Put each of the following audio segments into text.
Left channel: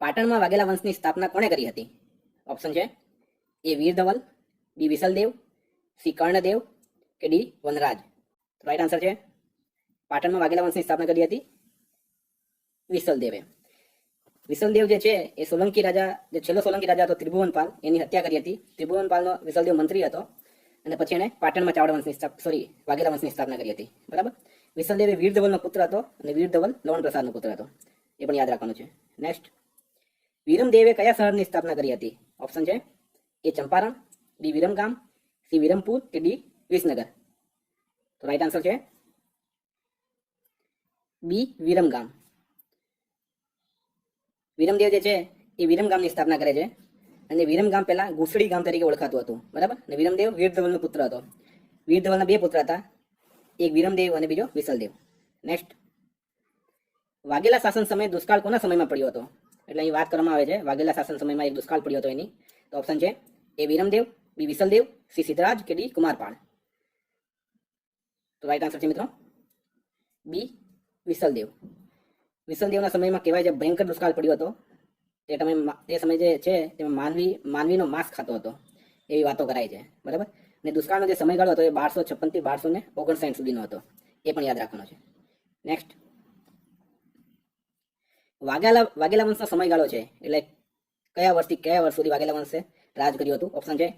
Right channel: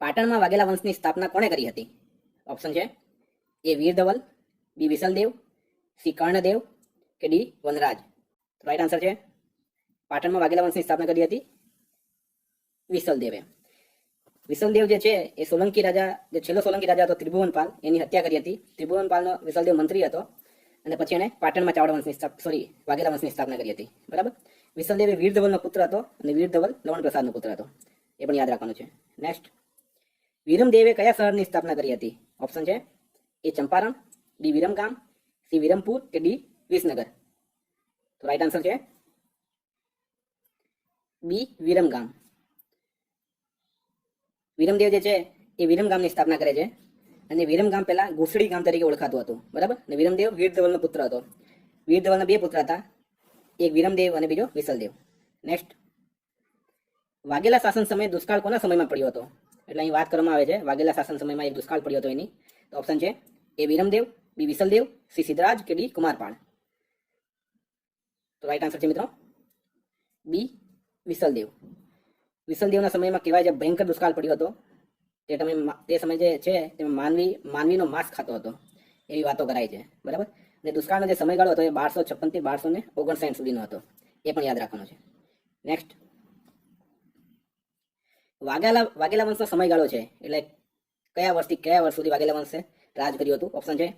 પાટણમાં વાઘેલા વંશની સ્થાપના કોણે કરી હતી? ઓપ્શન છે એ વીર ધવલ, બી વિસલદેવ, સી કર્ણદેવ કે ડી વનરાજ. રાઈટ આન્સર છે પાટણમાં વાઘેલા વંશની સ્થાપના કરી હતી વિસલદેવે. વિસલદેવ જે છે એ સોલંકી રાજા, જે છેલ્લો સોલંકી રાજા હતો ત્રિભુવનપાલ, એની હત્યા કરી હતી. ત્રિભુવનપાલનો વિસલદેવ મંત્રી હતો અને પછી એને પાટણમાં ચાવડા વંશની વાઘેલા વંશની સ્થાપના કરી હતી. બરાબર. વિસલદેવ એ વીર ધવલનો પુત્ર હતો અને વીર ધવલ લવણ પ્રસાદનો પુત્ર હતો. એ પણ યાદ રાખવાનું છે. નેક્સ્ટ, વિરમદેવે કયા શહેરની સ્થાપના કરી હતી? ઓપ્શન છે એ ચંપારણ, બી વિરમગામ, સી વિરમપુર કે ડી વિસનગર. તો રાઈટ આન્સર છે બી વિરમગામ. વિરમદેવ જે છે એ વિરમગામની સ્થાપના કરે છે અને વિરમગામ પહેલા ઘૂસડી ગામ તરીકે ઓળખાતું હતું. બરાબર. અને વિરમદેવ વીરધવલનો પુત્ર હતો. વીરધવલના બે પુત્ર હતા, એક વિરમદેવ અને બીજો વિસલદેવ. નેક્સ્ટ, વાઘેલા શાસન સમયે દુષ્કાળ કોના સમયમાં પડ્યો હતો? એટલે અહીં વાત કરવામાં આવે છે વાઘેલા શાસન સમયમાં એક દુષ્કાળ પડ્યો હતો એની. તો ઓપ્શન છે એ વિરમદેવ, બી વિસલદેવ, સી સિદ્ધરાજ કે ડી કુમારપાળ. તો રાઈટ આન્સર છે મિત્રો બી વિસલદેવ. વિસલદેવના સમયમાં કહેવાય છે ભયંકર દુષ્કાળ પડ્યો હતો. તે સમય જે છે તેમાં માનવીનો માંસ ખાતો હતો એવી વાતો કરાય છે. બરાબર. અને દુષ્કાળનો જે સમયગાળો હતો એ 1256 થી 1259 સુધીનો હતો. એ પણ યાદ રાખવાનો છે. નેક્સ્ટ, વાઘેલા વંશનો સમયગાળો છે એટલે કયા વર્ષથી કયા વર્ષ સુધી વાઘેલા વંશે રાજ કર્યું હતું? ઓપ્શન છે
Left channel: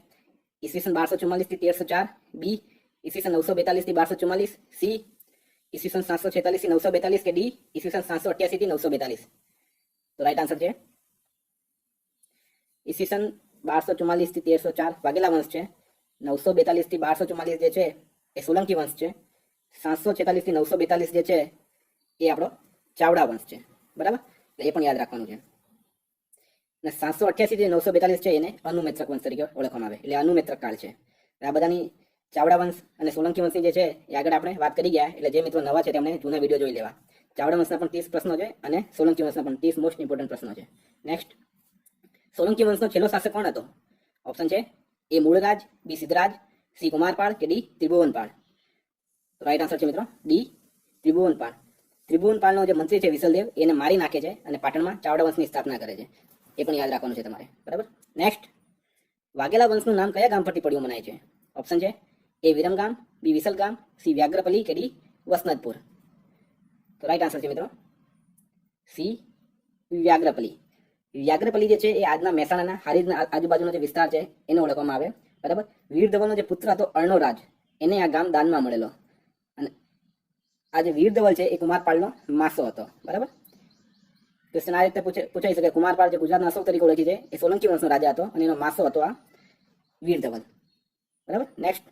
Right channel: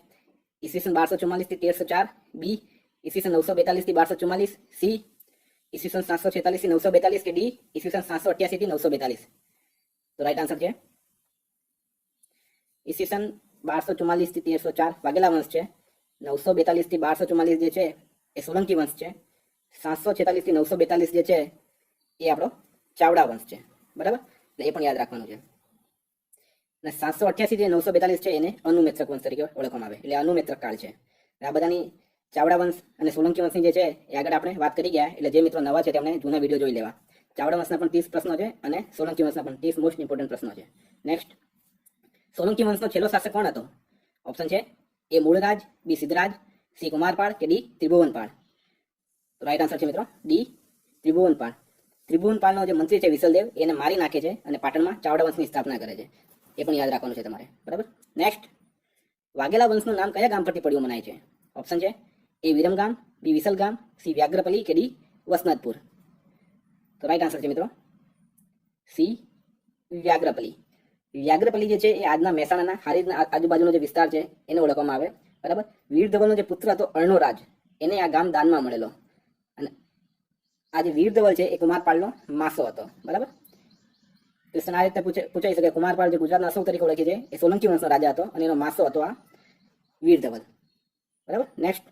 ઈસવીસન 1244 થી 1304, બી ઈસવીસન 942 થી 1244, સી ઈસવીસન 746 થી 942 કે ડી ઈસવીસન 788 થી 942. તો રાઈટ આન્સર છે ઈસવીસન 1244 થી 1304 વાઘેલા વંશ છે. 942 થી 1244 જે છે એ સોલંકી વંશ છે. 746 થી 942 જે છે એ આપણો ચાવડા વંશ છે. બરાબર. એ પણ યાદ રાખવાનું છે. અને 788 થી 942 છે એને અનુમેત્રક વંશ તરીકે ઓળખવામાં આવે, એટલે અનુમેત્રક કાળ છે. આ બધાની ચાવડા વંશ અને સોલંકી વંશની જે છે એ આગળ આપણે વાત કરી ગયા. એટલે જે મિત્રો નવા છે તેમણે જૂના વિડીયો જોઈ લેવા. ચાવડા વંશના પણ 30 પ્રશ્નો છે અને સોલંકી વંશના પણ 30 મોસ્ટ ઇમ્પોર્ટન્ટ પ્રશ્નો છે. નેક્સ્ટ, સોલંકી વંશનો છેલ્લો શાસક કોણ હતો? ઓપ્શન છે એ મૂળરાજ, બી સિદ્ધરાજ, સી કુમારપાળ કે ડી ત્રિભુવનપાળ. તો રાઈટ આન્સર છે મિત્રો ડી ત્રિભુવનપાળ. ત્રિભુવનપાળનો જે મંત્રી છે વિસલદેવ એને મારી નાખે છે અને પાટણમાં ચાવડા વંશની સ્થાપના કરે છે. એ પણ યાદ રાખવાનું છે તમારે. બરાબર. નેક્સ્ટ, વાઘેલા વંશનું નામ કયા ગામ પરથી પડ્યું મનાય છે? ઓપ્શન છે એ વિરમગામ, બી વિસલગામ, સી વ્યાઘ્રપલી કે ડી વસનતપુર. તો રાઈટ આન્સર છે મિત્રો સી વ્યાઘ્રપલી. વ્યાઘ્રપલી જે છે એ આજના મહેસાણાના હારીજના આજુબાજુનો જે વિસ્તાર છે એને ઓળખવામાં આવે. બરાબર. વીરધવલનો જે પુત્ર હતો અર્ણોરાજ, એને આ ગામ દાનમાં મળેલો. અને આ જે વીરધવલ છે એ કુમારપાળનો માસો હતો. બરાબર. ક્વેશ્ચન આ રીતે પૂછાઈ શકે. કુમારપાળ જે ગુજરાતના અશોક તરીકે ઓળખી છે એ સોલંકી વંશનો રાજા હતો અને એનો માસો હતો આ વીરધવલ. બરાબર. નેક્સ્ટ,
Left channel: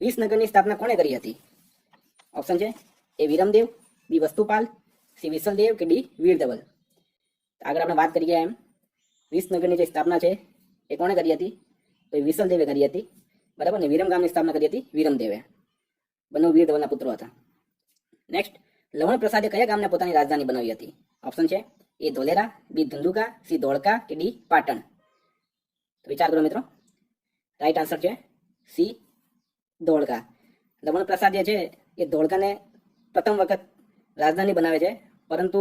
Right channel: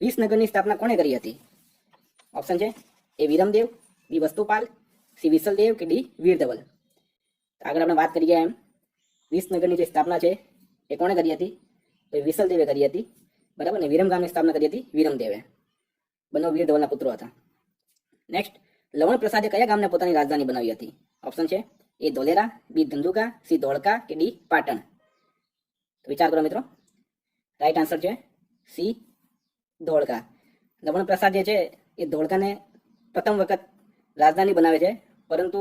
વિસનગરની સ્થાપના કોણે કરી હતી? ઓપ્શન છે એ વિરમદેવ, બી વસ્તુપાલ, સી વિસલદેવ કે ડી વીરધવલ. આગળ આપણે વાત કરી ગયા એમ વિસનગરની જે સ્થાપના છે એ કોણે કરી હતી? તો એ વિસલદેવે કરી હતી. બરાબર. ને વિરમગામની સ્થાપના કરી હતી વિરમદેવે. બંને વીરધવલના પુત્રો હતા. નેક્સ્ટ, લવણ પ્રસાદે કયા ગામને પોતાની રાજધાની બનાવી હતી? ઓપ્શન છે એ ધોલેરા, બી ધંધુકા, સી ધોળકા કે ડી પાટણ. તો વિચાર કરો મિત્રો. રાઈટ આન્સર છે સી ધોળકા. લવણ પ્રસાદ જે છે એ ધોળકાને પ્રથમ વખત રાજધાની બનાવે છે. પરંતુ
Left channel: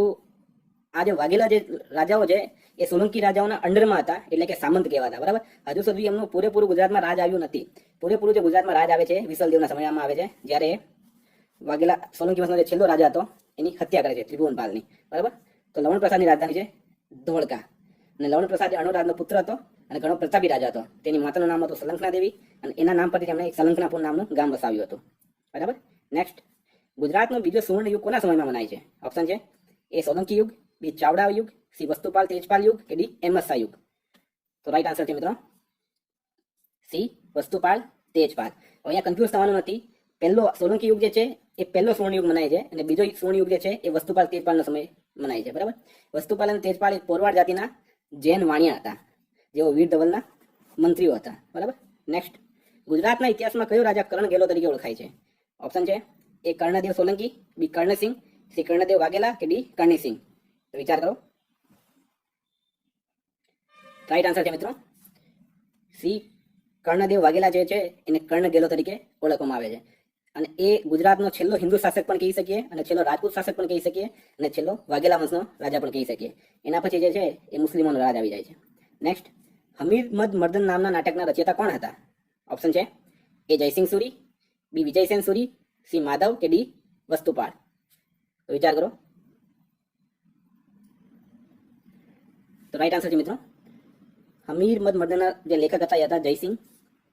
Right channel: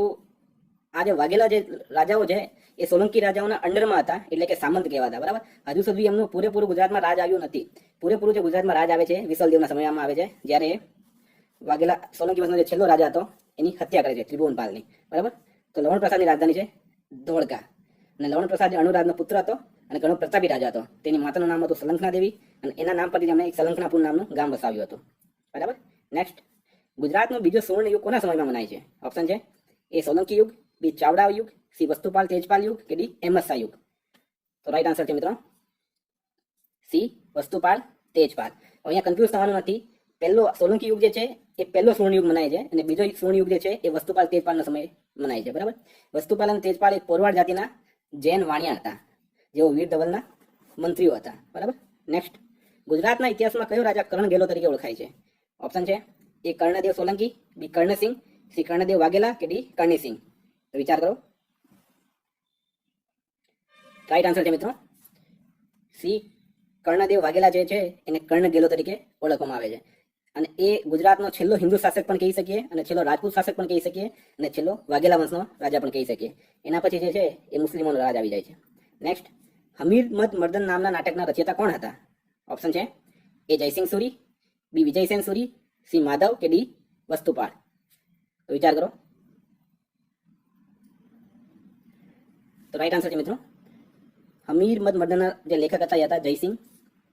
આ જે વાઘેલા જે રાજાઓ છે એ સોલંકી રાજાઓના અંડરમાં હતા, એટલે કે સામંત કહેવાતા. બરાબર. હજુ સુધી એમનું પૂરેપૂરું ગુજરાતમાં રાજ આવ્યું નથી. પૂરેપૂરું જે ગુજરાતમાં રાજ આવે છે વિસલદેવના સમયમાં આવે છે, જ્યારે વાઘેલા સોલંકી વંશનો જે છેલ્લો રાજા હતો એની હત્યા કરે છે ત્રિભુવનપાલની. બરાબર. તો લવણ પ્રસાદની રાજધાની છે ધોળકા. અને લવણ પ્રસાદ જે અણુરાજનો પુત્ર હતો અને ઘણો પ્રતાપી રાજા હતો. તેની માતાનું નામ હતું સલંકના દેવી અને એના નામ પરથી તેમણે એક સલંકનાપુર નામનું ગામ વસાવ્યું હતું. બરાબર. નેક્સ્ટ, ગુજરાતનો બીજો સુવર્ણ યુગ કોના સમયમાં મનાય છે? ઓપ્શન છે એ સોલંકી યુગ, બી ચાવડા યુગ, સી વસ્તુપાલ તેજપાલ યુગ કે ડી અહેમદ શાહ યુગ. તો રાઈટ આન્સર છે મિત્રો સી વસ્તુપાલ તેજપાલ. અહીંયા કન્ફ્યુઝ થવાનું નથી. પહેલો સોલંકી યુગ જે છે એ પહેલો સુવર્ણ યુગ મનાય છે અને બીજો સુવર્ણ યુગ જે છે એ વસ્તુપાલ તેજપાલનો સમય મનાય છે. બરાબર. વસ્તુપાલ અને તેજપાલ એક પોરવાડ જાતિના જૈન વાણિયા હતા, જેઓ વીરધવલના મંત્રીઓ હતા. બરાબર. નેક્સ્ટ, ગુજરાતના ઇતિહાસમાં કયો રાજા કર્ણગેલો તરીકે ઓળખાય છે? ઓપ્શન છે એ કર્ણદેવ સોલંકી, બી કર્ણસિંહ, સી કર્ણદેવ વાઘેલા કે ડી કર્ણસિંહ. તો વિચાર કરો. રાઈટ આન્સર છે મિત્રો સી કર્ણદેવ વાઘેલા જે છે એને કર્ણગેલો તરીકે ઓળખવામાં આવે છે. અને એ ગુજરાતનો છેલ્લો હિન્દુ શાસક પણ કહી શકીએ, અને છેલ્લો રાજપૂત શાસક પણ કહી શકીએ, અને છેલ્લો વાઘેલા વંશનો રાજા પણ કહી શકીએ. એના પછી જે છે એ મુસ્લિમોનો રાજ આવી જાય છે. નેક્સ્ટ, હમીર મદ મર્દન નામના નાટકના રચયિતા કોણ હતા? ઓપ્શન છે એ જયસિંહ સુરી, બી વિજયસેન સુરી, સી માધવ કે ડી વસ્તુપાળ. તો વિચાર કરો. તો રાઈટ આન્સર છે મિત્રો હમીર મદ મર્દનના જે લેખક હતા એ હતા જયસિંહ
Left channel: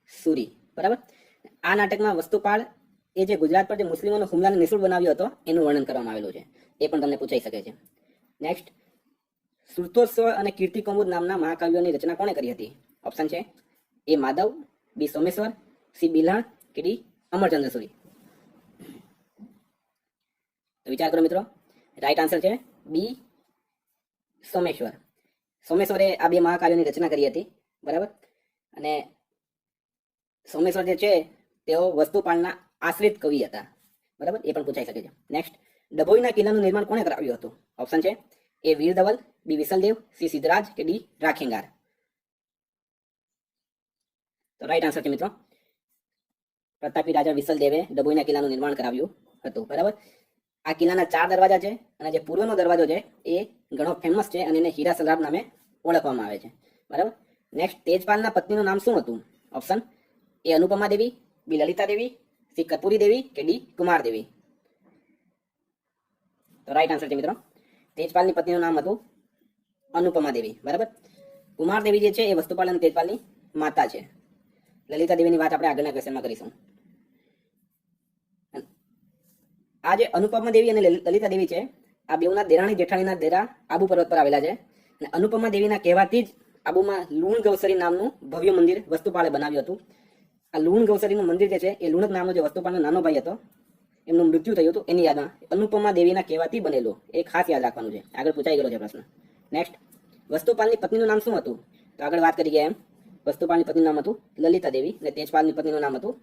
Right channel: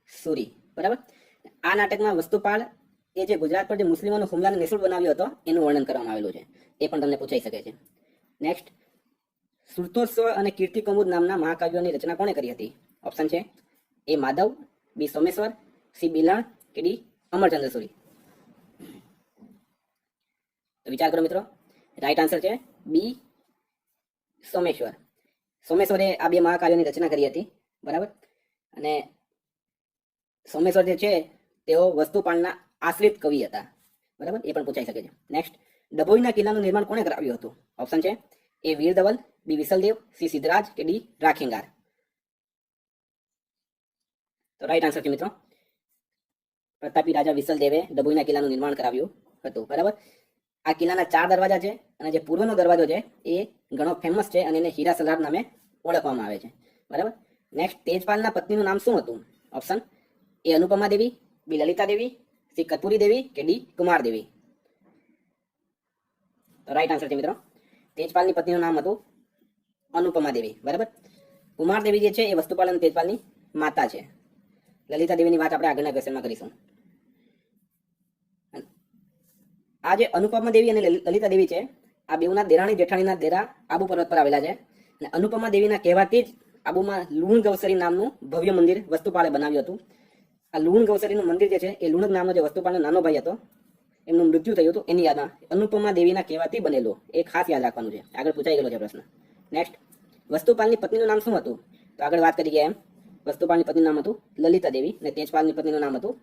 સુરી. બરાબર. આ નાટકમાં વસ્તુપાળ એ જે ગુજરાત પર જે મુસ્લિમોનો હુમલાને નિષ્ફળ બનાવ્યો હતો એનું વર્ણન કરવામાં આવેલું છે. એ પણ તમને પૂછાઈ શકે છે. નેક્સ્ટ, સુરતોત્સવ અને કીર્તિ કૌમુદ નામના મહાકાવ્યોની રચના કોણે કરી હતી? ઓપ્શન છે એ માધવ, બી સોમેશ્વર, સી બિલાણ કે ડી અમરચંદ્ર સુરી. તો વિચાર કરો મિત્રો. રાઈટ આન્સર છે બી સોમેશ્વર. સોમેશ્વરે આ બે મહાકાવ્યોની રચના કરી હતી. બરાબર. અને સોમેશ્વર જે છે તેઓ વસ્તુપાળના આશ્રિત કવિ હતા. બરાબર, એ પણ પૂછાઈ શકે છે. નેક્સ્ટ, ડભોઈના કિલ્લાનું નિર્માણ કોણે કરાવ્યું હતું? ઓપ્શન છે એ વીર ધવલ, બી વિસલદેવ, સી સિદ્ધરાજ કે ડી રાખેંગાર. તો રાઈટ આન્સર છે મિત્રો પ્રતાપી રાજા વિસલદેવે ડભોઈના કિલ્લાનું નિર્માણ કરાવ્યું હતું. બરાબર. આ કિલ્લાના 4 દરવાજા છે, અને જે પૂર્વનો દરવાજો છે એ ઘણો ફેમસ છે, અને એને હીરા સલાર નામે ઓળખવામાં આવે છે. બરાબર. નેક્સ્ટ, તેજપાલના પત્નીનું નામ શું હતું? Option A Anupama Devi, B Lalita Devi, C Karpoori Devi કે ડી કુમાર દેવી. તો રાઈટ આન્સર છે મિત્રો તેજપાલની પત્નીનું નામ હતું અનુપમા દેવી. બરાબર. કુમાર દેવી જે છે એ વસ્તુપાલ અને તેજપાલની માતા છે. લલિતા દેવીની વાત આપણે આગળના ક્વેશ્ચનમાં કરીશું. આ જે અનુપમા દેવી અને લલિતા દેવી છે, આ બેઉના દેરાણી જેઠાણીના ડેરા આબુ પર્વત પર આવેલા છે. અને અનુપમા દેવીના કહેવાથી જ આબુમાં લુણ ગૌસરી નામનું ભવ્ય મંદિર વસ્તુપાળે બનાવ્યું હતું. આ લુણ ગૌસરીનું મંદિર જે છે એ લુણક નામનો જે વસ્તુપાળનો નાનો ભાઈ હતો એમનું મૃત્યુ થયું હતું એની યાદમાં અનુપમા દેવીના કહેવાથી બનેલું. એ ખાસ યાદ રાખવાનું છે, આગળ પૂછાઈ ગયેલો છે પ્રશ્ન. નેક્સ્ટ, વસ્તુપાલની પત્નીનું નામ શું હતું? તો આગળ વાત કરી ગયા એમ વસ્તુપાલની પત્નીનું નામ હતું લલિતા દેવી, અને તેજપાલની પત્નીનું નામ હતું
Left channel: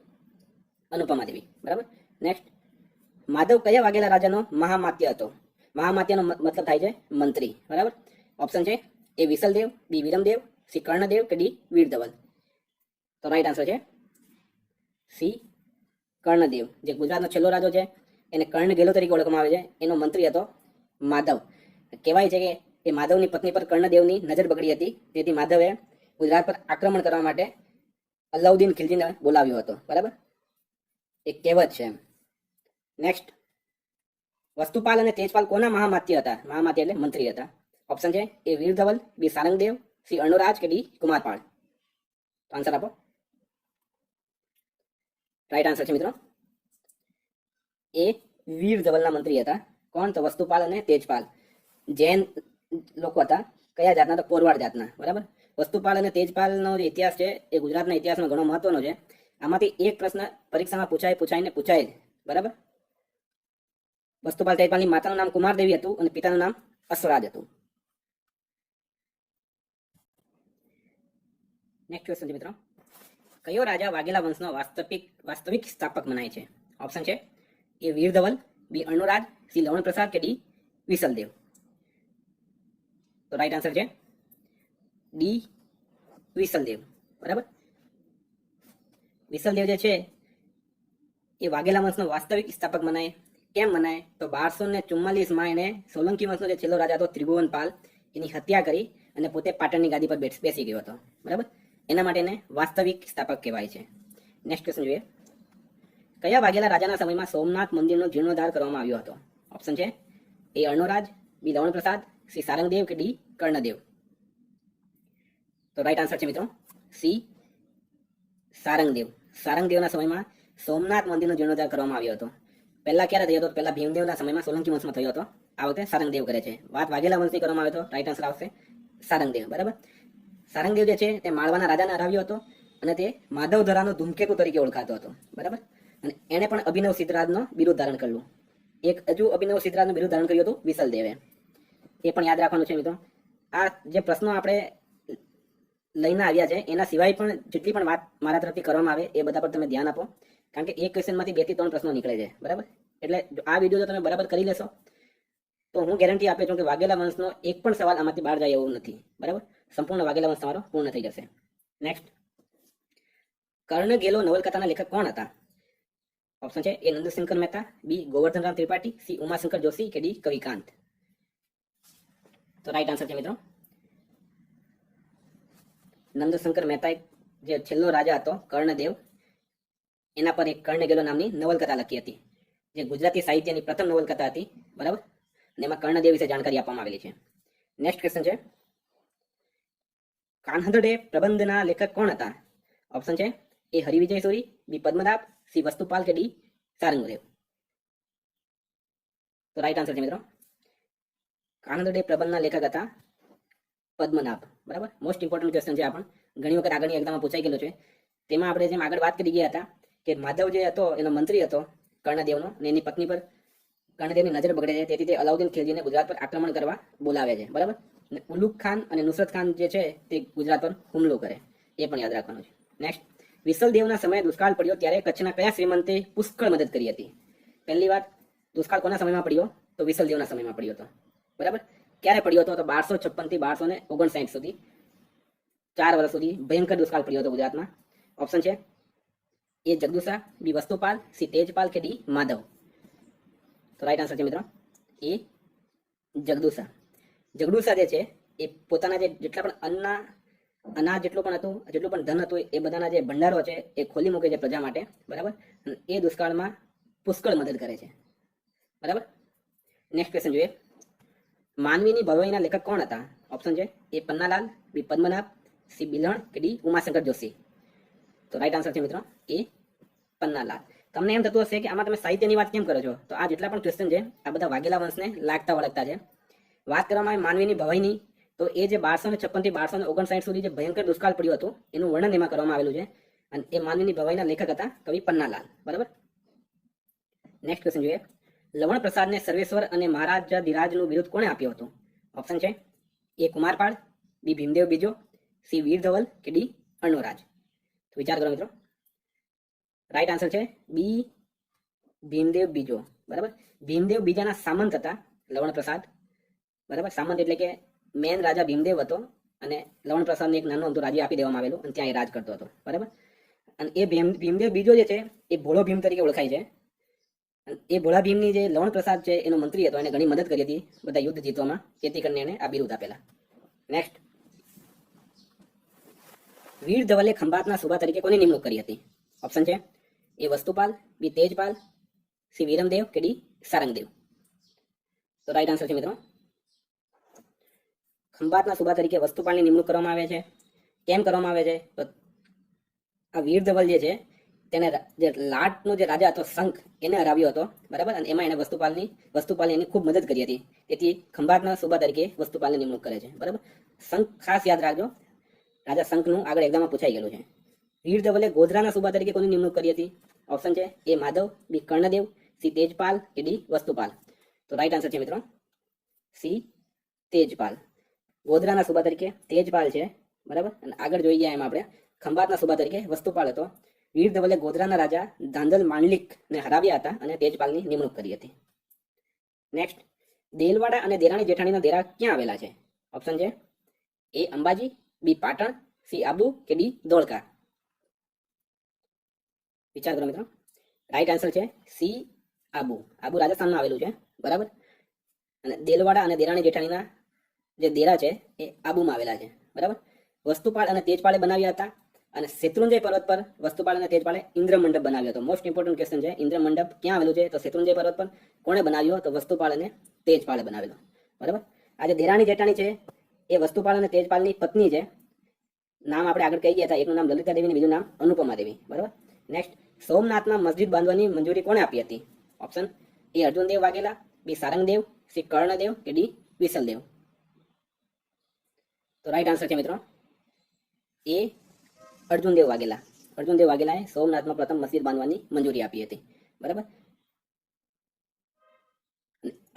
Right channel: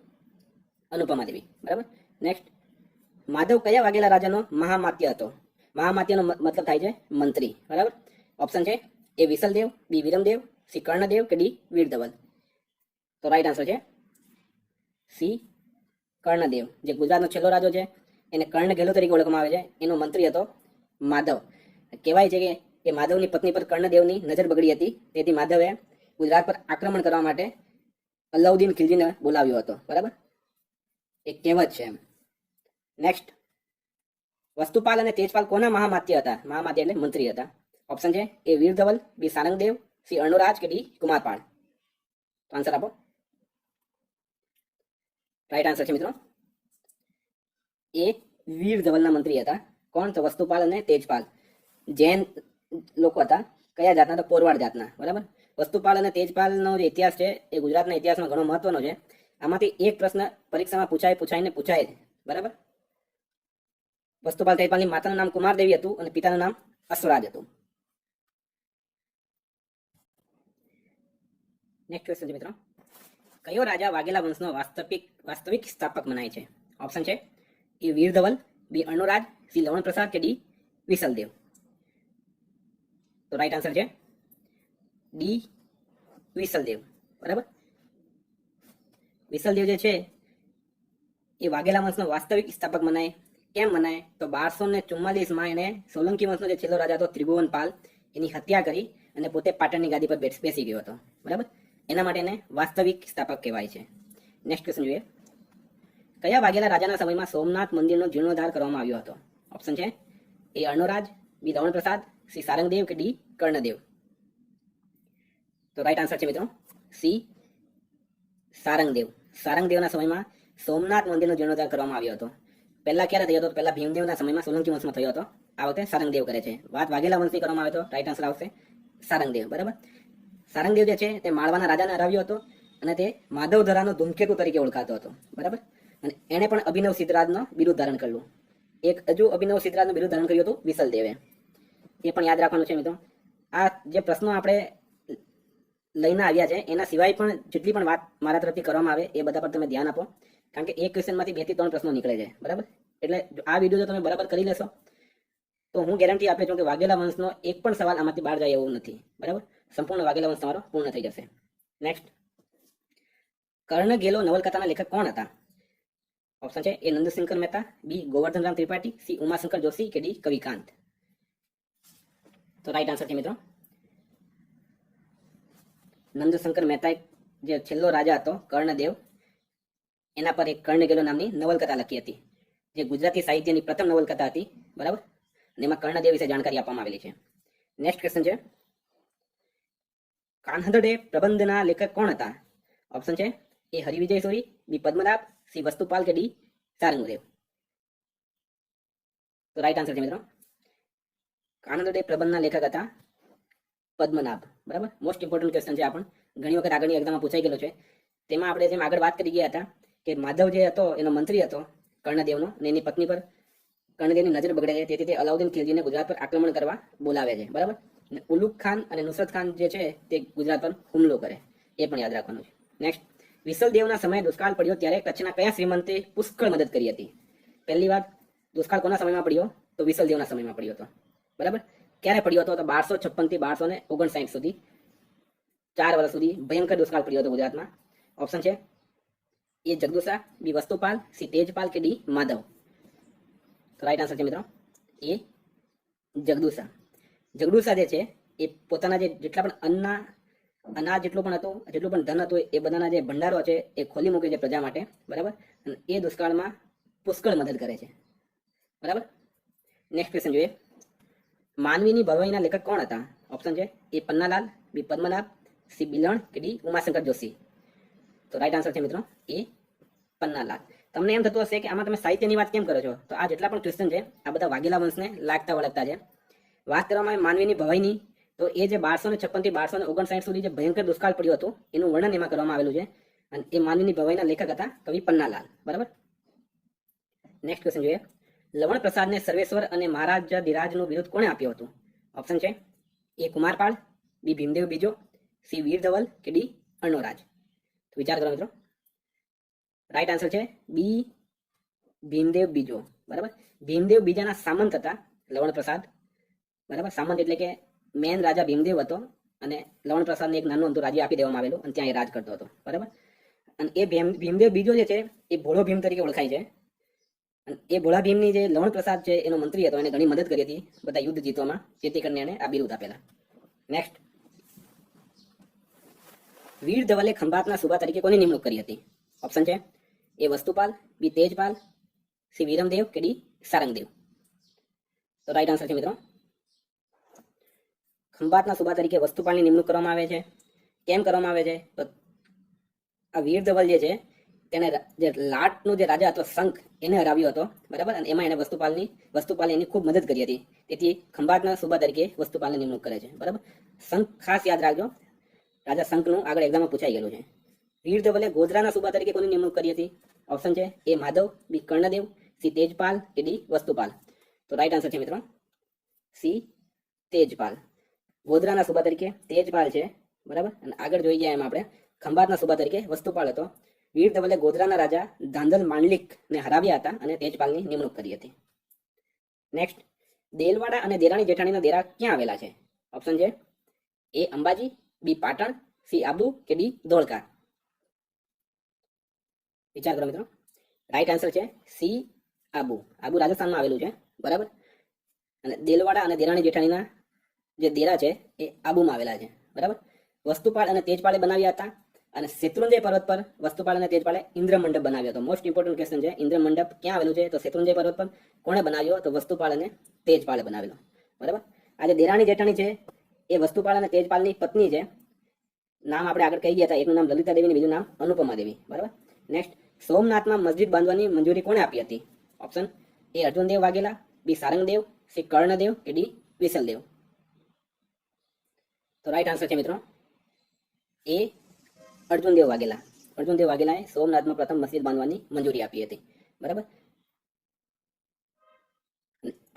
અનુપમા દેવી. બરાબર. નેક્સ્ટ, માધવ કયા વાઘેલા રાજાનો મહામાત્ય હતો? મહામાત્યનો મતલબ થાય છે મંત્રી. બરાબર. ઓપ્શન છે એ વિસલદેવ, બી વિરમદેવ, સી કર્ણદેવ કે ડી વીરધવલ. તો રાઈટ આન્સર છે સી કર્ણદેવ. જે ગુજરાતનો છેલ્લો રાજો છે એને કર્ણ ગેલો તરીકે ઓળખવામાં આવે છે. એનો મંત્રી હતો માધવ. કહેવાય છે કે એ માધવની પત્ની પર કર્ણદેવની નજર બગડી હતી, તેથી માધવે ગુજરાત પર આક્રમણ કરવા માટે અલાઉદ્દીન ખિલજીને બોલાવ્યો હતો. બરાબર, એક કહેવત છે. નેક્સ્ટ, વસ્તુપાલ અને તેજપાલ કોના મહામાત્ય હતા? મહામાત્ય એટલે મંત્રી હતા. ઓપ્શન છે એ વીરધવલ, બી સારંગદેવ, સી અર્ણોરાજ કે ડી કુમારપાળ. તો આન્સર આપો. રાઈટ આન્સર છે મિત્રો એ વીરધવલના મંત્રી હતા. કોણ? તો વસ્તુપાલ અને તેજપાલ. જૈન લોકો હતા. કયા જાતના? તો કોરવાડ જાતના. બરાબર. વસ્તુપાલ અને તેજપાલનો જે ઇતિહાસ છે એ ગુજરાતના ઇતિહાસમાં ઘણો મહત્વનો છે. આમાંથી એક પ્રશ્ન પરીક્ષામાં પૂછાય. બરાબર. વસ્તુપાલ તેજપાલની માતાનું નામ કુમારદેવી હતું અને પિતાનું નામ અશ્વરાજ હતું. નેક્સ્ટ ક્વેશ્ચન છે મિત્રો, કયો રાજા વાઘેલા વંશનો વાસ્તવિક સ્થાપક મનાય છે? ઓપ્શન છે એ વીરધવલ, બી અર્ણોરાજ, સી લવણ પ્રસાદ કે ડી વિસલદેવ. તો રાઈટ આન્સર છે ડી વિસલદેવ. બરાબર. વિસલદેવ જે છે એ વાઘેલા વંશનો વાસ્તવિક સ્થાપક મનાય. કેમ મનાય? તો 1244માં એને સોલંકી વંશનો જે છેલ્લો રાજા હતો ત્રિભુવનપાલ એની હત્યા કરી અને પોતે પાટણની ગાદી પર બેસી ગયો હતો. બરાબર. એના માટે એને વાસ્તવિક સ્થાપક કહેવાય છે. નેક્સ્ટ ક્વેશ્ચન જોઈએ, કયા વાઘેલા રાજાના સમયમાં સોમનાથ મંદિરનો જીર્ણોદ્ધાર કરવામાં આવ્યો હતો? ઓપ્શન છે એ અર્ણોરાજ, બી લવણ પ્રસાદ, સી સારંગદેવ કે ડી કર્ણદેવ. તો રાઈટ આન્સર છે મિત્રો સી સારંગદેવ. સારંગદેવના સમયમાં સોમનાથ મંદિરનો જીર્ણોદ્ધાર કરવામાં આવ્યો હતો. પહેલા ક્યારે થયો હતો? પહેલા ભીમદેવના સમયમાં સોલંકી વંશમાં થયો હતો. આ વખતે સારંગદેવ કરે છે. વાત વાઘેલા વંશની કરવામાં આવે તો રાઈટ આન્સર આવશે સારંગદેવ. બરાબર. સારંગદેવ જે છે તે માળવાના રાજાને હરાવ્યો હતો, અને તે માધવધરાનો ધૂમકેતુ તરીકે ઓળખાતો હતો. બરાબર. અને એણે પણ અભિનવ સિદ્ધરાજનો બિરુદ ધારણ કર્યું. એક હજુ અભિનવ સિદ્ધરાજનું બિરુદ ધારણ કર્યું હતું વિસલદેવે. એ પણ યાદ રાખવાનું છે મિત્રો. આ જે પ્રશ્નો આપણે લઈને આવ્યા છે એના સિવાય પણ જેટલી પણ વાત મારા તરફથી કરવામાં આવે એ બધા પર તમે ધ્યાન આપો, કારણ કે એક ક્વેશ્ચનમાંથી 2 થી 3 પ્રશ્નો નીકળે છે. બરાબર. એટલે આ વિડીયો જો તમે બરાબર કરી લેશો તો હું ગેરંટી આપે છું કે વાઘેલા વંશનો એક પણ સવાલ આમાંથી બહાર જાય એવું નથી. બરાબર. સંપૂર્ણ વાઘેલા વંશ તમારો પૂર્ણ થઈ જશે. નેક્સ્ટ, કર્ણ ગેલો નવલકથાના લેખક કોણ હતા? ઓપ્શન છે એ નંદશંકર મહેતા, બી ગોવર્ધનરામ ત્રિપાઠી, સી ઉમાશંકર જોશી કે ડી કવિકાંત. તો રાઈટ આન્સર છે મિત્રો નંદશંકર મહેતા જે છેલ્લો રાજા હતો કર્ણદેવ, એના પર એક કર્ણગેલો નામની નવલકથા લખી હતી, જે ગુજરાતી સાહિત્યની પ્રથમ નવલકથા હતી, બરાબર. અને એમાં કર્ણદેવ વિશે જાણકારી આપવામાં આવેલી છે. નેક્સ્ટ ક્વેશ્ચન છે કાન્હદડે પ્રબંધના લેખક કોણ હતા? ઓપ્શન છે એ હરિવિજય સોરી, બી પદ્મનાભ, સી વસ્તુપાલ કે ડી સારંગદેવ. તો રાઈટ આન્સર છે મિત્રો કાન્હદડે પ્રબંધના લેખક હતા પદ્મનાભ, બરાબર. મોસ્ટ ઇમ્પોર્ટન્ટ ક્વેશ્ચન છે, આપણ ઘણી વખત આગળની એક્ઝામમાં પૂછાઈ ગયેલો છે. તેમાં આપણે જેમ આગળ વાત કરી ગયા હતા કે માધવ જે હતો એનો મંત્રી હતો કર્ણદેવનો, અને એની પત્ની પર કર્ણદેવની નજર બગડે છે, તેથી તે અલાઉદ્દીન ખિલજીને ગુજરાત પર આક્રમણ કરવા બોલાવે છે, બરાબર. અને ઉલુગ ખાન અને નુસરત ખાન જે છે તે ગુજરાત પર હુમલો કરે, એ પણ યાદ રાખવાનું છે. નેક્સ્ટ, વિસલદેવના સમયે દુષ્કાળ પડ્યો ત્યારે કચ્છના કયા શ્રીમંતે પુષ્કળ મદદ કરી હતી? પહેલી વાર દુષ્કાળ કોના સમયમાં પડ્યો? તો વિસલદેવના સમયમાં પડ્યો હતો, બરાબર. ક્યારે પડ્યો હતો? તો 1256 થી 1259 સુધી, 4 વર્ષ સુધી ભયંકર દુષ્કાળ પડ્યો હતો ગુજરાતમાં. ઓપ્શન છે એ જગદુશા, બી વસ્તુપાલ, સી તેજપાલ કે ડી માધવ. તો રાઈટ આન્સર છે મિત્રો એ જગદુશા. જગદુશા જે છે એ પોતાના જે જેટલા પણ અનાજ જેટલું પણ હતું, જેટલું પણ ધન હતું, એ બધાના જે ભંડારો છે એ ખોલી મૂકે છે પ્રજા માટે, બરાબર. અને એ દુષ્કાળમાં પુષ્કળ મદદ કરે છે, બરાબર. નેક્સ્ટ ક્વેશ્ચન જોઈએ માનવીની ભવાઈના લેખક કોણ હતા? ઓપ્શન છે એ પન્નાલાલ, બી પદ્મનાભ, સી બિલણ કે ડી ઉમાશંકર જોશી. તો રાઈટ આન્સર છે મિત્રો એ પન્નાલાલ. તમને એમ થતું હશે કે આમાં તમે સાહિત્યની વાત કેમ કરો છો? તો આ જેટલા પણ ક્વેશ્ચન છે આ બધા વાઘેલા વંશને લાગતા વળગતા છે. વાત કરવામાં આવે માનવીની ભવાઈની, તો એ જે 1256 થી 1259 સુધી જે ભયંકર દુષ્કાળ પડ્યું હતું એનું વર્ણન એમાં કરવામાં આવેલું છે, અને એ માનવીની ભવાઈના લેખક હતા કવિ પન્નાલાલ, બરાબર. નેક્સ્ટ ક્વેશ્ચન જોઈએ લવણ પ્રસાદને સર્વેશ્વર અને મહારાજા ધીરાજનું બિરુદ કોણે આપ્યું હતું? ઓપ્શન છે એ કુમારપાળ, બી ભીમદેવ બીજો, સી વીર ધવલ કે ડી અર્ણોરાજ. તો વિચાર કરો મિત્રો. રાઈટ આન્સર છે બી ભીમદેવ બીજો, બરાબર. ભીમદેવ બીજાના સામંત હતા લવણ પ્રસાદ, બરાબર. સામંત એટલે કે મેન રાજા ભીમદેવ હતો, અને લવણ પ્રસાદને એક નાનું અમથું રાજ્ય આપી દેવામાં આવેલું, અને ત્યાં એ રાજ કરતો હતો, બરાબર. અને એ ભીમદેવ બીજો જે છે એ ભોળો ભીમ તરીકે ઓળખાય છે. એ ભોળા ભીમની જે લવણ પ્રસાદ છે એનો મંત્રી હતો, એને ઘણી મદદ કરી હતી બધા યુદ્ધ જીતવામાં, જેથી કરીને એને આ બિરુદ આપેલા. નેક્સ્ટ, વીર ધવલે ખંભાતના સુબા તરીકે કોની નિમણૂક કરી હતી? ઓપ્શન છે એ વસ્તુપાલ, બી તેજપાલ, સી વીરમદેવ કે ડી સારંગદેવ. તો રાઈટ આન્સર છે મિત્રો ખંભાતના સુબા તરીકે વસ્તુપાલની નિમણૂક કરવામાં આવે છે. કેમ કરવામાં આવે છે? તો આ વીર ધવલ જે છે તેને જે લાટનો જે રાજા હતો શંખ, એને હરાવ્યો હતો, બરાબર. અને એમાં એને વસ્તુપાલની એની ખૂબ મદદ કરી હતી, તેથી ખંભાતના સુબા તરીકે વસ્તુપાલની નિમણૂક કરે છે, બરાબર. શંખ ખાસ યાદ રાખજો, રાજા શંખનું આગળ એક્ઝામમાં પૂછાઈ ગયેલું છે. વીર ધવલે ગોધરાના સુબા તરીકે કોની નિમણૂક કરી હતી? ઓપ્શન છે એ માધવ, બી કર્ણદેવ, સી તેજપાલ કે ડી વસ્તુપાલ. તો રાઈટ આન્સર છે મિત્રો સી તેજપાલ. ગોધરાના સુબા તરીકે તેજપાલ છે, બરાબર. અને આગળ જોઈ ગયા એમાં આપણે ખંભાતના સુબા તરીકે વસ્તુપાલ હતો. વીર ધવલે ગોધરાના રાજા ધાંધલ માંડલિકને હરાવ્યા હતા અને તેજપાલની નિમણૂક કરી હતી. નેક્સ્ટ, દેલવાડા અને દેરાણી જેઠાણીના દેરા ક્યાં આવેલા છે? ઓપ્શન છે એ અંબાજી, બી પાટણ, સી આબુ કે ડી ધોળકા. વિચાર કરો મિત્રો. રાઈટ આન્સર છે સી આબુ. આબુ રાજસ્થાનમાં આવેલું છે, બરાબર. અને દેલવાડા અને દેરાણી જેઠાણીના જે દેરા છે એ આબુમાં આવેલા છે, બરાબર. વસ્તુપાલ અને તેજપાલે બનાવ્યા હતા, અને શેત્રુંજય પર્વત પર વસ્તુપાલ અને તેજપાલે ઇન્દ્ર મંડપ બનાવ્યો હતો. મોસ્ટ ઇમ્પોર્ટન્ટ ક્વેશ્ચન છે, ઇન્દ્ર મંડપ ક્યાં આવેલું છે? તો શેત્રુંજય પર્વત પર કોણે બનાવ્યો? તો વસ્તુપાલ અને તેજપાલે બનાવેલો, બરાબર. આ જે દેરાણી જેઠાણી છે એ વસ્તુપાલ અને તેજપાલની પત્ની છે. નામ આપણે આગળ કહી ગયા હતા, એકનું નામ લલિતા દેવી, બીજું નામ અનુપમા દેવી, બરાબર. નેક્સ્ટ, સોમનાથમાં મસ્જિદ બાંધવાની મંજૂરી કોણે આપી હતી? Option A Arjundev Vaghela, B Sarangdev, C Karnadev કે ડી વિસલદેવ. તો રાઈટ આન્સર છે મિત્રો એ અર્જુનદેવ વાઘેલા. અર્જુનદેવ વાઘેલાએ સોમનાથમાં પ્રથમ મસ્જિદ બાંધવાની મંજૂરી આપી હતી, બરાબર.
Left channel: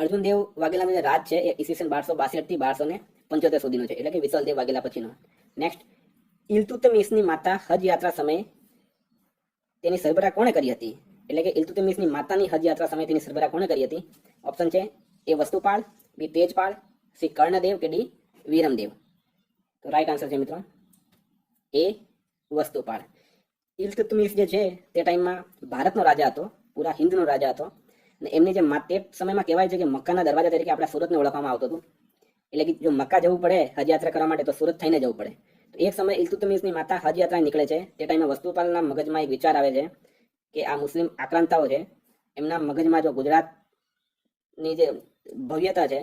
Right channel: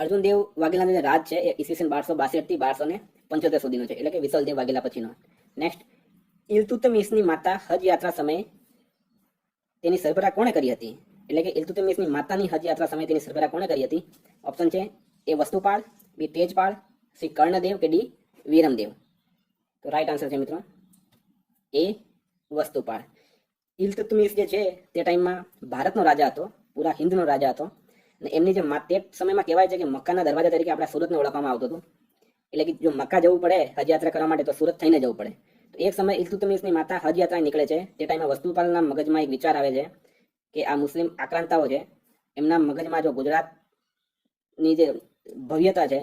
અર્જુનદેવ વાઘેલાનો જે રાજ છે એ ઈસવીસન 1262 થી 1275 સુધીનો છે, એટલે કે વિસલદેવ વાઘેલા પછીનો. નેક્સ્ટ, ઇલ્તુત્મિશની માતા હજ યાત્રા સમયે તેની સરભરા કોણે કરી હતી? એટલે કે ઇલ્તુત્મિશની માતાની હજ યાત્રા સમયે તેની સરભરા કોણે કરી હતી? ઓપ્શન છે એ વસ્તુપાલ, બી તેજપાલ, સી કર્ણદેવ કે ડી વીરમદેવ. તો રાઈટ આન્સર છે મિત્રો એ વસ્તુપાલ. ઇલ્તુત્મિશ જે છે તે ટાઈમમાં ભારતનો રાજા હતો, પૂરા હિન્દનો રાજા હતો અને એમની જે તે સમયમાં કહેવાય છે કે મક્કાના દરવાજા તરીકે આપણા સુરતને ઓળખવામાં આવતું હતું. એટલે કે જો મક્કા જવું પડે હજ યાત્રા કરવા માટે તો સુરત થઈને જવું પડે. તો એક સમય ઇલ્તુત્મિશની માતા હજ યાત્રા નીકળે છે. તે ટાઈમે વસ્તુપાલના મગજમાં એક વિચાર આવે છે કે આ મુસ્લિમ આક્રાંતાઓ છે, એમના મગજમાં જો ગુજરાતની જે ભવ્યતા છે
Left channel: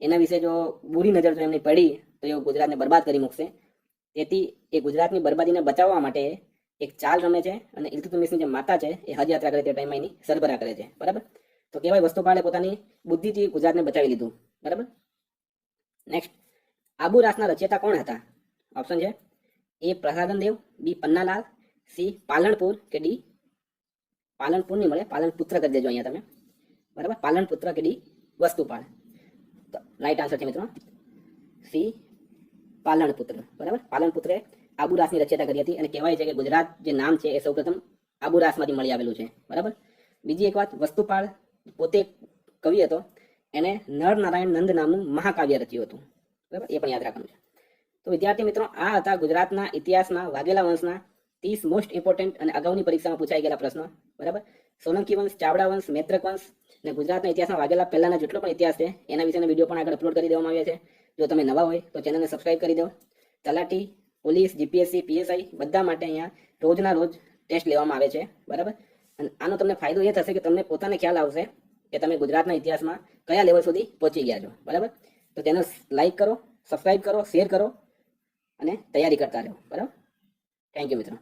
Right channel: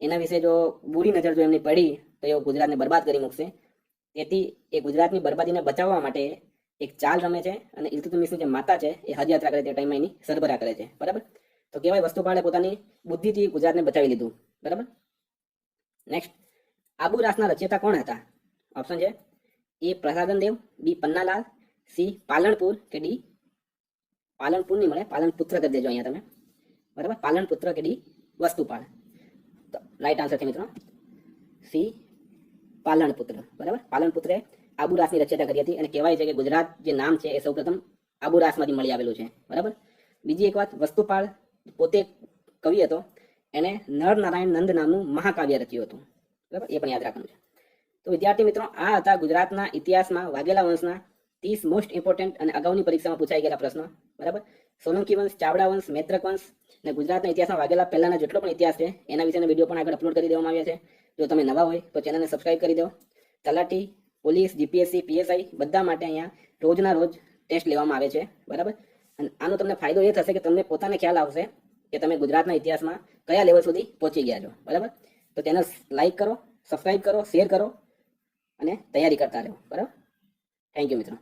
એના વિશે જો બુરી નજર જો એમની પડી તો એ ગુજરાતને બરબાદ કરી મૂકશે. તેથી એ ગુજરાતની બરબાદીને બચાવવા માટે એક ચાલ રમે છે અને ઇલ્તુત્મિશની જે માતા છે એ હજ યાત્રા કરે તે ટાઈમમાં એની સરભરા કરે છે. બરાબર, તો કહેવાય વસ્તુપાલે પોતાની બુદ્ધિથી ગુજરાતને બચાવી લીધું. બરાબર. નેક્સ્ટ, આબુ રાસના રચયિતા કોણ હતા? ઓપ્શન છે એ પ્રસાદન દેવ, બી પન્નાલાલ, સી પાલનપુર કે ડી પાલનપુર નહીં મળે, પાલનપુત્ર કરી દેજો અહીંયા તમે. બરાબર, પાલનપુત્ર કે ડી વસ્તુપાલ. તો રાઈટ આન્સર છે મિત્રો સી પાલનપુત્ર. બરાબર, પાલનપુત્રે આબુ રાસની રચયતા કરી હતી અને કહેવાય છે કે ગુજરાત જે નામ છે એ સૌપ્રથમ આબુ રાસમાંથી મળી આવેલું છે. બરાબર. બીજી એક વાત, વસ્તુપાલ પોતે કવિ હતો, એને નર નારાયણ નંદ નામનું મહાકાવ્ય રચ્યું હતું. બરાબર, એ પણ યાદ રાખવાનું છે. તો વિદ્યાર્થી મિત્રો, આ હતા ગુજરાતના ઇતિહાસમાં વાઘેલા વંશના 30 મોસ્ટ ઇમ્પોર્ટન્ટ અને અગાઉની પરીક્ષામાં પૂછાઈ ગયેલા પ્રશ્નો. બરાબર, સોલંકી વંશ, ચાવડા વંશ, મૈત્રક વંશ અને ગુજરાતના ઇતિહાસમાં વાઘેલા પહેલાના જેટલો પણ ઇતિહાસ છે એના વિશેના વિડીયો પણ આગળ અપલોડ કરી દેવામાં આવ્યા છે. જો તમે નવા હોય તો ચેનલને સબસ્ક્રાઇબ કરી દો. તલાટી, પોલીસ, જીપીએસસી, પીએસઆઈ બધા માટે અહીંયા રોજના રોજ ટેસ્ટ લેવામાં આવે છે. બરાબર, અને આનો તમને ફાયદો એ થશે કે તમને પોતાને ખ્યાલ આવશે કે તમે ગુજરાતના ઇતિહાસમાં કયા લેવલ સુધી પહોંચી ગયા છો. બરાબર, તો ચેનલ લાઈક કરો, સબસ્ક્રાઇબ કરો, શેર કરો અને તૈયારી કરતા રહો. બરાબર, થેન્ક યુ મિત્રો.